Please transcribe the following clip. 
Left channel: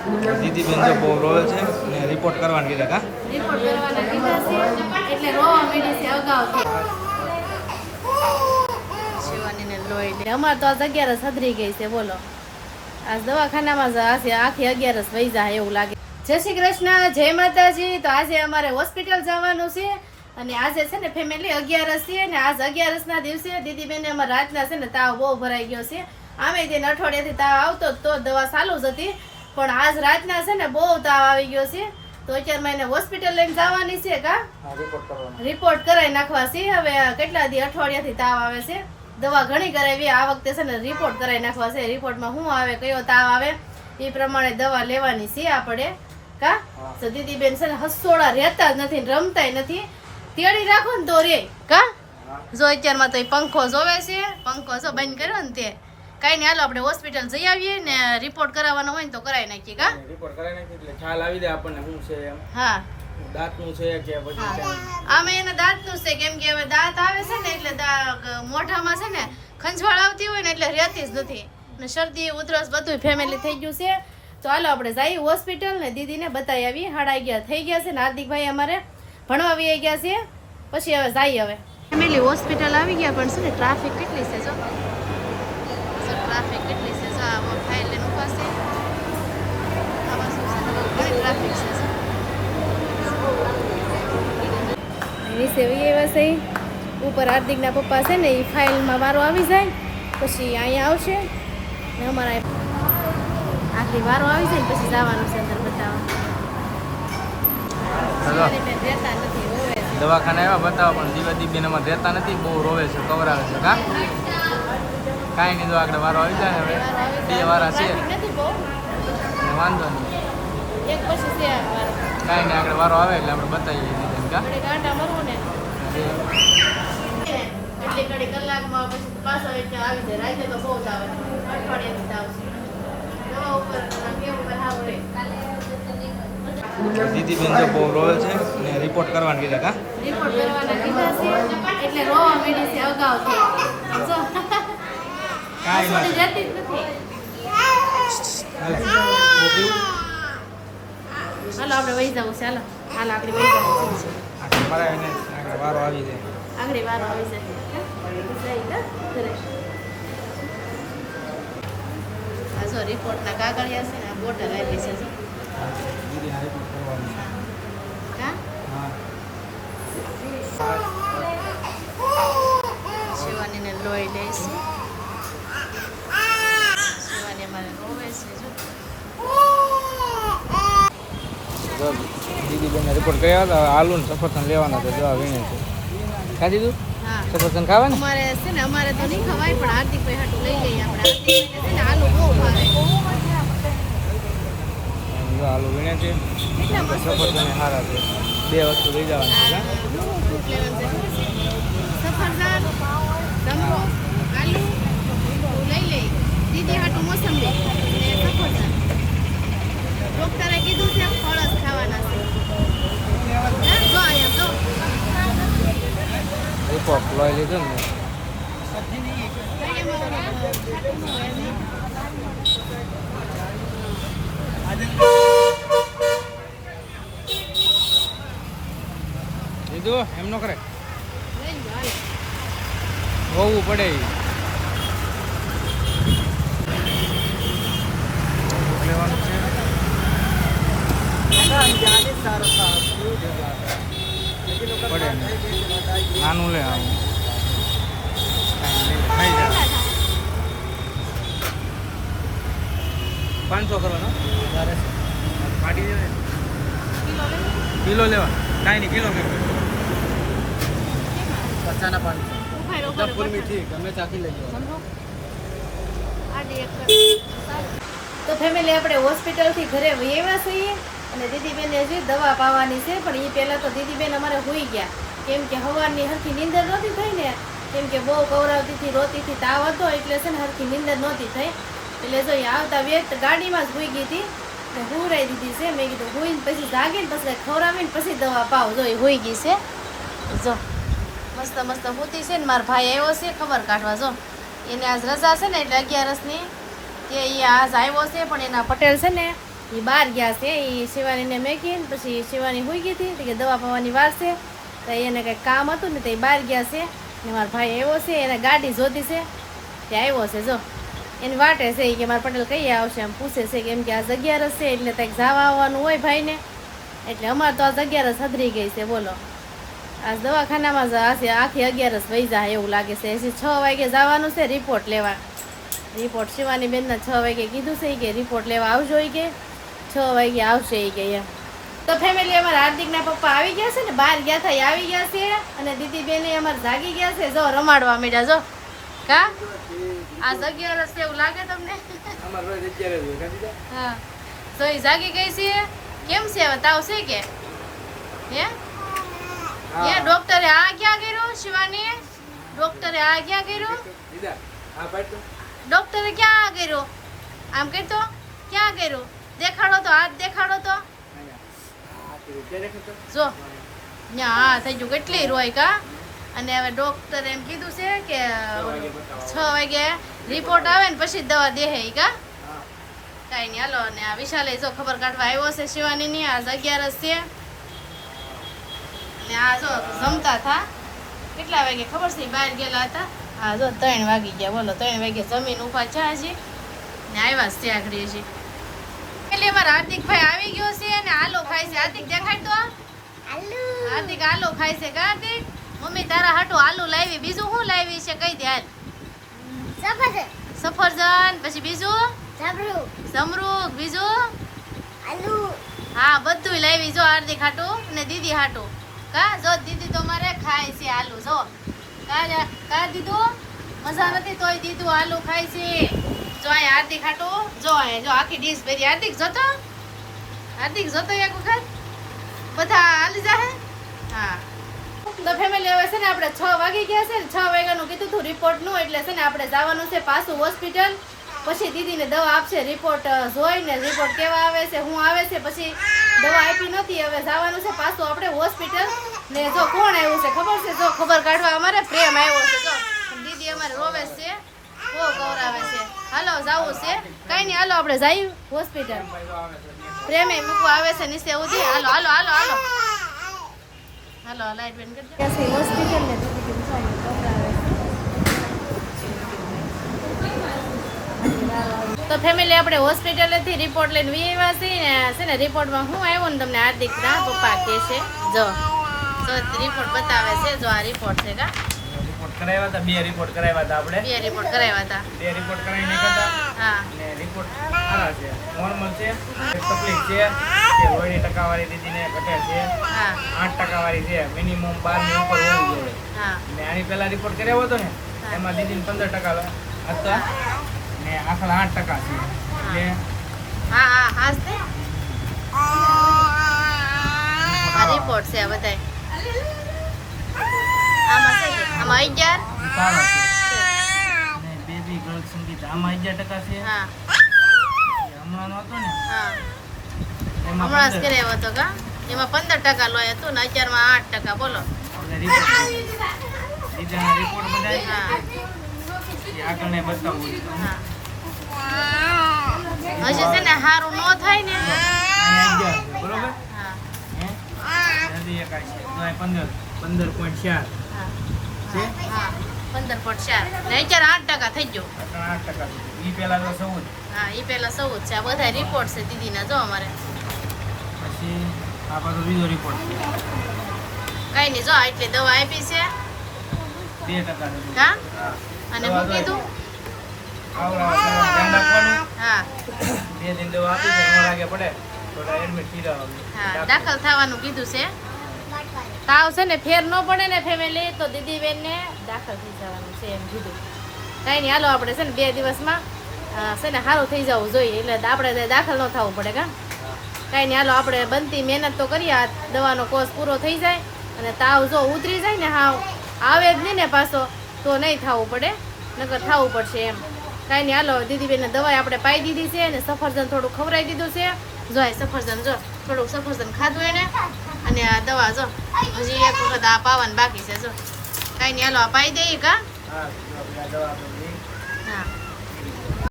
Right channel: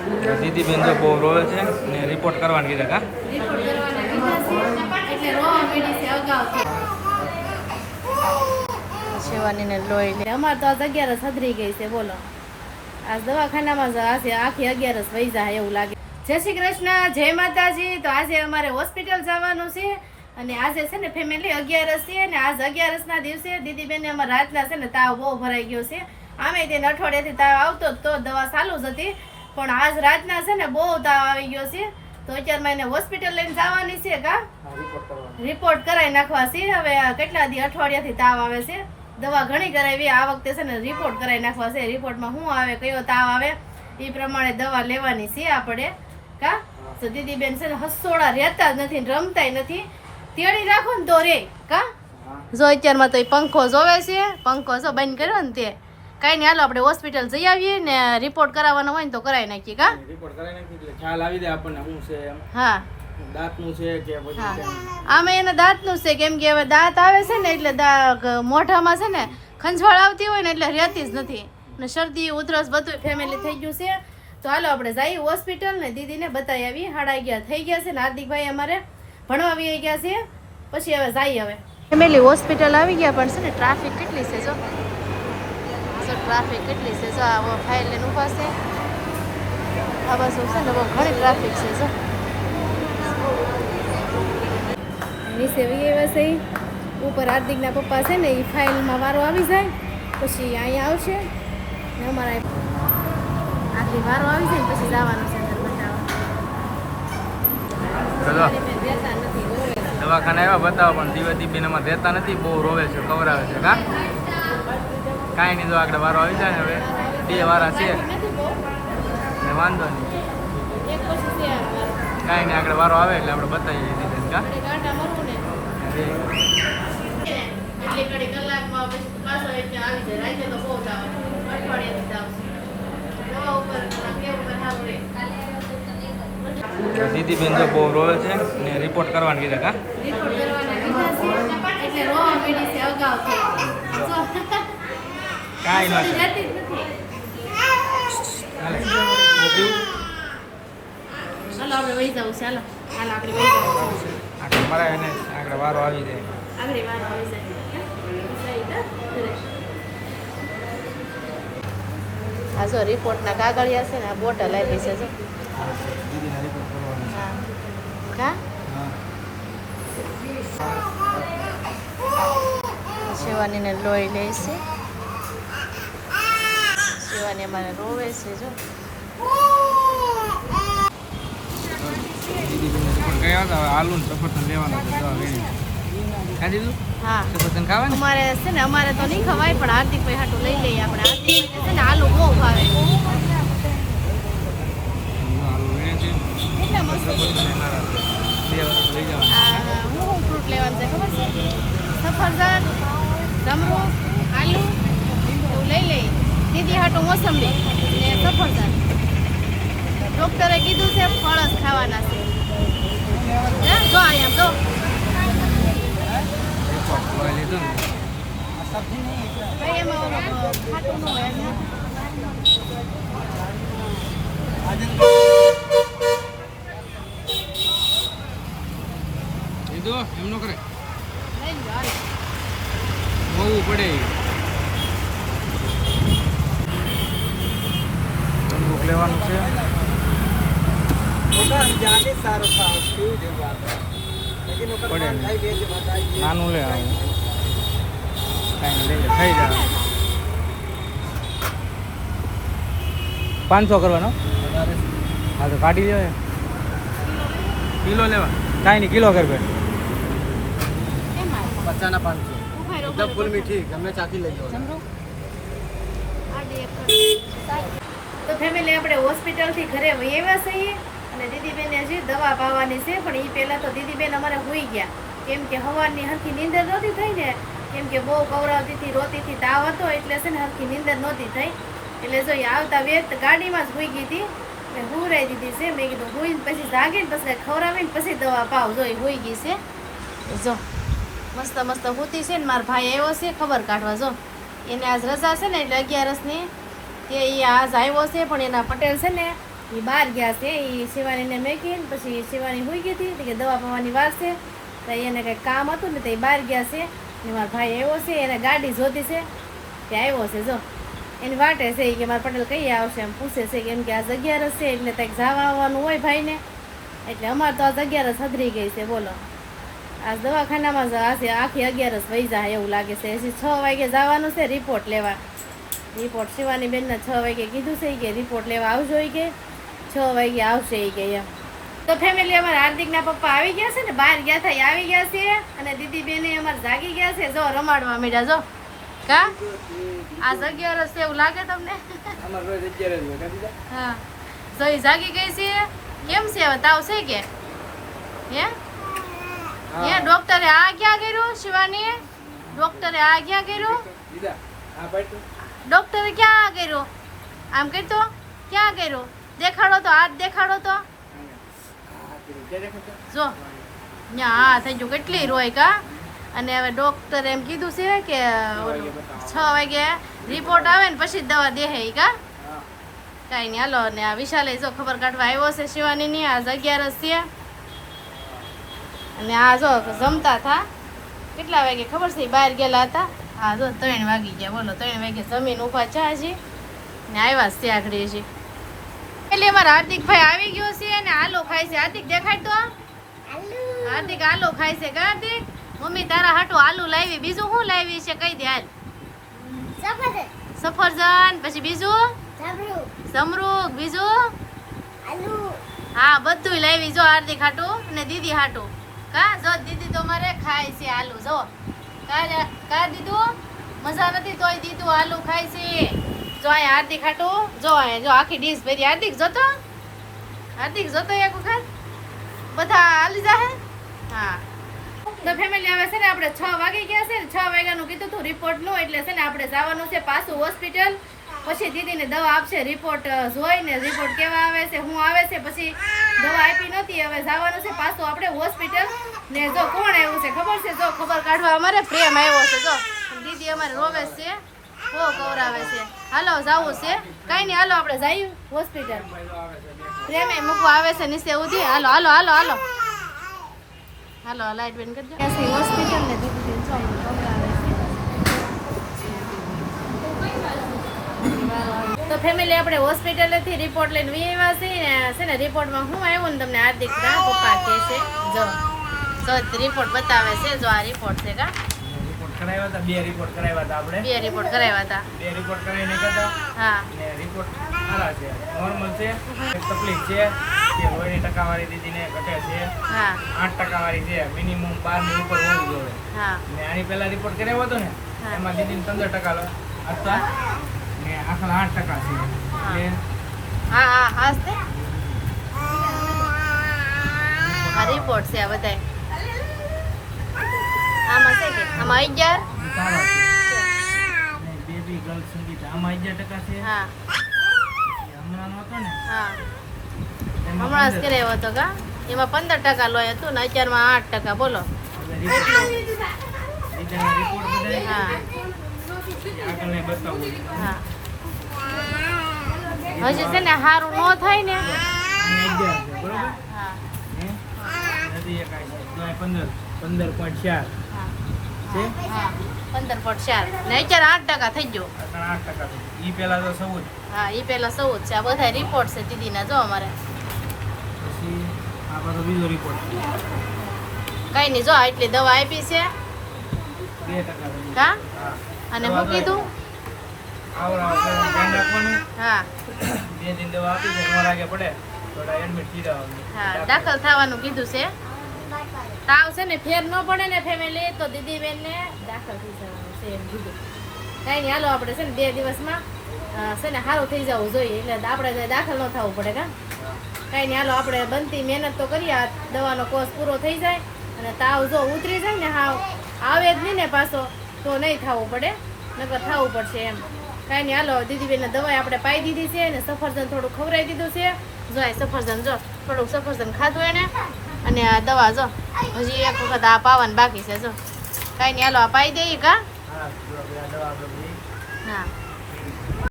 દીદી બેન તો બહુ રોવે છે ને રિપોર્ટ કરવાનું કીધા કા રિપોર્ટ કરવાના કીધા છે એટલે રોવા માંડી છે અગાઉથી. શિવાનીને લોહી લે અમાર તો આજ 11 સદરી ગઈ છે બોલો. આજ દવાખાનામાં આજે આખી 11 વહી જાય એવું લાગે. જય શ્રી કૃષ્ણ, જય માતાજી. તો આજે અમારે હોસ્પિટલ જવાનું છે અને આજે છે ને ફેમિલી 11 છે ને આજ 11 ના દિવસે દીદી બેન અમારા રાતના છે ને તાવ બહુ ભરાઈ ગયો છે. આમે તેને અઠવાડિયાથી તાવ આવતો તો દવા ચાલુ જ હતી પણ આજ રાતના છે ને બહુ તાવ આવી ગયો છે તો અત્યારે મને હોસ્પિટલ લઈને જવાની છે કા રિપોર્ટ કરાવી નાખવા છે. હવે કેટલા દી અઠવાડિયાથી તાવ આવે છે, દવા ઘણી કરાવી, આ વખતે છે ને રિપોર્ટ કરાવી નાખવા છે. રિપોર્ટમાં શું આવે, કયો તાવ આવે એ પ્રમાણે દવા લેવાની છે આપણે કા. તો દીદી બેન છે ને હસોડા રહેતા જ નથી, રમતાય નથી, તેડી રાખો ને તો રે કા. જો અત્યારમાં તો એ પંખો જોવે છે, પંખો જો બંધ કર્યો ને તે કઈ નહીં. હાલો આપણે હોસ્પિટલ જઈ આવીએ ને રિપોર્ટ કરાવવાનો હોય ને તો કરાવી નાખીએ કા. રિપોર્ટ કરાવી નાખી એટલે ખ્યાલ આવી જાય આપણને શું છે એમ. હા દાંતનું છે કે પછી આમે એના દાંતનું છે કેમ કે હવે દાંત આવે છે ને એટલે મોઢામાં છે ને ખંજવાળ આવતી હોય ને એટલે રહેતી જ નથી ને શરદી ઉધરસ બધું ફેમિલી થઈ ગયું છે. તો હાલો આપણે જઈએ હોસ્પિટલ ને દીદીને બતાવી આવી. 11:30 થઈ ગયા છે ને હાર્દિકભાઈ અમારે ભણવા આવી ગયા છે. પછી હવે જઈએ હવે ફેમિલી હોસ્પિટલ આવી ગયા પણ છે ને ટ્રાફિક કેટલી છે જો ટ્રાફિક કેટલી છે જો આ ફાઇલ લઈને ઉભા છે. આ બાજુ છે ને બહુ ઘણી ટ્રાફિક છે જો નીચે એવા છે ઉપર હાર્દિકના પપ્પા છે ને એ ફાઇલમાં વારો આવી જાય પછી અહીંયા આવશે ને અમારા આખી વારો આવી જાય ને પછી જવાનું છે અંદર બતાવવા. રહેતા નથી રોવે છે દવાખાને આવ્યા બતાવો પણ દીવાદી બેન એમાં રહેતા નથી, બહુ રોવે છે, કવરાવે છે કા. કાંઈ નહીં, જો આગળ વારો આવી જાય ને હવે 2 વારા છે નથી બહુ ને વાંધો નહીં. એક પછી છે આ વારો કાંઈ નહીં, આગળ વારો આવે એટલે આપણે બતાવી દઈએ બેન કા. ઘડી ગાંઠા મરવું ને એટલી ઘડી કલાકમાં પછી પાછો એટલે આવી જાય. રાતે તો બહુ તાવ અઠવાડિયાથી તાવ છે. દવા ઉપર ઉપર હાવ રહે. દીદી બેન તો બહુ રોવે છે ને રિપોર્ટ કરવાનું કીધા કા. રિપોર્ટ કરવાના કીધા છે એટલે રોવા માંડી છે અગાઉથી. કાંઈ થોડી નથી. રહેતી જ નથી. હાલે ચાલો આપણે વહી જવું છે. હાલો હાલ આપણે વહી જવું આગળ મરાય ને આગળ વારો આવી જાય. આગળ વારો આવી જાય. આ જો રિપોર્ટના કાગળિયા છે ને આ બોટલ આપી છે જો દીદીના રિપોર્ટ કરવાનું છે. હા કા હા શિવાનીને લોહી લે છે. શિવાની અમારે રોવે છે જો દીદી બેન રિપોર્ટ ગયા હતા, આલુ ને સફરજન લેવાના છે. દવા વીણે છે. ખાઈ દીધું? હા સફરજન ખાવાનું? અમારે છે ને અમારે તો નહીં ખવાય પણ હાર્દિકભાઈ હાટું લઈ લઈએ આપણે. હાર્દિકભાઈને છે ને આલુ બહુ ભાવે. આલુ વીણે છે. કેટલા મસ્ત સફરજન સારા છે. 2 વસ્તુ લઈ જવાનું છે. હું ફ્રૂટ લેવાનું છે ખબર છે? સફરજન, ડમરું, આલુ એવું લઈ લઈ. દીદી હાટું મોસંબી ને સફરજન. ડોક્ટરે કીધું છે ફળ જ ખાવાના છે. જો અહીંયા જો રિપોર્ટ લઈ લીધું ને. કઈ એમાં ઓલું ખાતું ન હોય એમ. લીધું એમ ન કરે, લઈને જો હાલો. હોવું પડે. બુક લેવાનું છે. પડે ને નાનું લે આવું કાંઈ લઈ લે થઈ જાય. 500 કરવાના આપણે કાઢી દેવાય. કિલો લઈ લો. કિલો લેવા કાંઈ નહીં, કિલો કરી દે. 50 ના 500 ઉભાઈ રહો, ઉભાઈ રહો. મીઠી ગમે ચાખી લઈ જવાનું. તો ફેમિલી આપણે હોસ્પિટલથી ઘરે આવ્યા છીએ અને દીદીબેન હજી દવા પાવાની છે પણ એ પહેલાં તો દીદીબેન અમારે સૂઈ ગયા કેમ કે સવારની હરખી નીંદર નહોતી થઈ ને, કેમ કે બહુ કવરાવતીથી રોતીથી તાવ હતો એટલે છે ને હરખી નીંદર નહોતી થઈ એટલે જો આવતા વ્યક્ત ગાડીમાં જ સૂઈ ગઈ હતી ને હુરાઈ દીધી છે. મેં કીધું હુઈને પછી જાગીને પછી ખવડાવીને પછી દવા પાવ. જો એ સૂઈ ગઈ છે જો મસ્ત મસ્ત સૂતી છે ને. મારો ભાઈ આવ્યો છે ખબર કાઢવા. જો એને આજ રજા છે ને એટલે 11 તે એ આજ આવ્યો છે પણ એના પટેલ છે ને એ બહાર ગયા છે. એ શિવાનીને મેકીને પછી શિવાની હોઈ ગઈ હતી કે દવા પાવાની વાર છે, તો એને કંઈક કામ હતું ને તો એ બહાર ગયા છે. ને મારો ભાઈ આવ્યો છે, એને ગાડી જોતી છે, તે આવ્યો છે. જો એની વાટે છે કે મારા પટેલ કઈ આવશે એમ પૂછે છે, કેમ કે આ 11 છે એટલે કંઈક જવા આવવાનું હોય ભાઈને, એટલે અમારે તો આ 11 સધરી ગઈ છે. બોલો, આ દવાખાનામાં આજે આખી 11 વહી જાય એવું લાગે છે. હજી 6 વાગે જવાનું છે રિપોર્ટ લેવા. રિપોર્ટ શિવાની બેનના 6 વાગે કીધું છે કે રિપોર્ટ લેવા આવજો એ કે 6 વાગે આવશે એ કે એમ. તો ફેમિલી અમારા હાર્દિકના પપ્પા આવી ગયા છે ને, બહાર ગયા હતા એ આવી ગયા છે, અને દીદી બેને અમારે જાગી ગયા છે. જો રમાડવા માંડ્યા. જો કા આ 11 છે એવું લાગે તમને? અમાર રોજ 11 જ હોય કા દીદા? હા, જો એ જાગી ગઈ છે. કેમ છે હવે, તાવ છે કે હે? એ ડોક્ટરે આ ક્યાં કર્યું શિવાની? ડોક્ટરે આ ક્યાં કર્યું? દીદા આ પાડ તો ડોક્ટરે ક્યાં કર્યું? આમ કહેતો ક્યાં કર્યું? દેખાડો તો, હાથ દેખાડો તો. જો ન્યા હા થઈ ગયું. કેટલી રોય કા. અને હવે ડોક્ટરે એમ કીધું છે કે 6 વાગે રિપોર્ટ આવે ને પછી દવા દે ઈ કા. કાંઈ નહીં, હાલો. ને આ વિશાલે જો ખબર કાઢવા આવ્યો છે શિવાનીની. આ 11 છે. અને આ જો જમતા હતા. કેટલા વાગે ખબર છે? બહાર ગયેલા હતા. હા જો 3 વાગી ગયા. બોલો, 3 વાગે જમીન ઉભા છે હજી ને આવ્યા છે આગળ હજી. એટલે અમારા હાર્દિકભાઈ આવી ગયો છે અને આલુ ખાય છે. હાર્દિક દેખાડ તો. હાર્દિક આલુ ખાય છે કા? હાર્દિક મમ્મી તારા હાટુ આલુ લાવી. બીજું શું લાવી છે કહી દે હાલ. સફરજન, પછી બીજું સમરૂખ, બીજું હા બધું લાવી. જો હાર્દિક હાટુ અને દીદી હાટુ કા. જો દીદી તો મારે ખાય છે આલુ. જો કા દીધું મજા નથી તોય દીધું આલુ ખાય છે. જો અહીંયા હાર્દિક હાટુ. જો અહીંયા જો આખી ડીશ ભરી. હાર્દિક જોતો, હાર્દિક જોતો એક વખત બધા હાલી જાહે. હા તો ફેમિલી હવે છે ને આપણે 6 વાગી ગયા છે ને, 6 વાગ્યાનું કીધું હતું રિપોર્ટનું, એટલે છે ને આપણે જવાનું છે પાછું હોસ્પિટલ. પછી દીદીને દવા આપશે, રિપોર્ટ જોઈને રિપોર્ટ કેવા આવે છે, શું આવે છે. પછી દવા આપી નથી, હવે જવાનું છે પાછું આપણે હોસ્પિટલ. ને જો કોણ આવ્યું છે ખબર છે? જો ખબર કાઢવા અમારે પ્રેમ આવ્યો છે. જો દીદી અમારે રોવે છે, બહુ કવરાવે છે. હાલો જવું છે, કઈ નહીં, હાલો આપણે જઈએ હોસ્પિટલ. પ્રેમે મૂકવા આવે છે નીચે ઉધી. હાલો હાલો હાલો હાલો હાલો, લાઈટ બેન કરી દો. હોસ્પિટલ ને દીદી બેન છો મને કવરાવે છે. તો ફેમિલી આપણે હોસ્પિટલેથી રિપોર્ટ લઈને વી આવ્યા છીએ ને. છે ને રિપોર્ટમાં શું આવ્યું ને તમને હાર્દિકના પપ્પા કહે છે. જો રિપોર્ટ બતાવે છે. જો આ રિપોર્ટ છે કા. કરાવ્યા હતા, 2 રિપોર્ટ કરાવ્યા હતા આપણે. 2 રિપોર્ટ કરાવ્યા હતા. 2 રિપોર્ટ કરાવીને હતા. હા ને રિપોર્ટ સારા છે, નોર્મલ છે. એક તકલીફ છે કે લોહીની ટકાવારી દીદીને ઘટે છે. હા 8% વાળી છે, મિનિમમ 12 ની ઉપર હોવું જોઈએ. હા ને આની પહેલા રિપોર્ટ કરાવ્યો હતો ને, હા. એમાં દીદીને 15% હતા ને આખલા 8% છે. એટલે હા હા હા છે. આ રિપોર્ટ છે આ બધાય. આમાં છે કે આમાં 11 સારો છે. ને બેબી ગર્લ સંગીત આમાં 11% છે. હા હમણાંનો હતો ને હા એમાં હમણાં જ કરાવ્યો હતો કા. એમાં 15% લોહી હતું ને, અત્યારમાં 8%. બોલો. દીદાના રિપોર્ટ બધા હા એ આગળને બતાવવું. હા હજી છે ને સારું ન થાય ને. અહીંયા 11 છે બરોબર. હા હે નદી એકાઈ છે તો 15.4 હા છે. હા 15.4 ને અત્યારે 8% થઈ ગયો. અત્યારે 8% ઈ પહેલા તો 14. હા એ પેલા 14 છે. આ બધા રિપોર્ટ છે દીદીના. જો અમારે પછી આ પાછો બીજો રિપોર્ટ છે. કઈ નહીં. જો એટલી દવા આપી છે 2% કા. હા અને હું કીધું આવડા ધ્યાન રાખવાનું. હા 2 દિન દવા આપી છે, ન લાગે પડે થોડા એડમિટ થઈ જવાનું. હા દાખલ થવાનું કીધું છે. તાવ છે ને ફેર ન પડે ને ફેમિલી તો દીદી બેન ને દાખલ થઈ જવાનું છે એમ કીધું. કઈ નહીં, હાલો આપણે છે ને 2 દિવસમાં છે ને સારું થઈ જવું જોઈએ, એટલે આપણે દાખલ ન થવું પડે કા. કઈ નહીં, હાલો આપણે બનતી મહેનત તો કરીએ. આ દવાનો કોર્સ પૂરો થઈ જાય અને તાવ જો ઉતરી જાય ને હાવ આવે જ નહીં ને પાછો તો નહીં થવું પડે, નકર થવું પડશે એમ. કાંઈ નહીં, હાલો દીદી બેનને દવાઈ આપણે પાઈ દીધી છે અને સફરજન થોડું ખવડાવી દીધું છે. જો એ સફરજન જો થોડુંક સફરજન ખાધું એને, અને આ દવા જો હજી એક વખત આ પાવાનું બાકી છે. જો કાંઈ નહીં, હાલો આ પાઈ દઈએ કા. હા દવા આપણે હા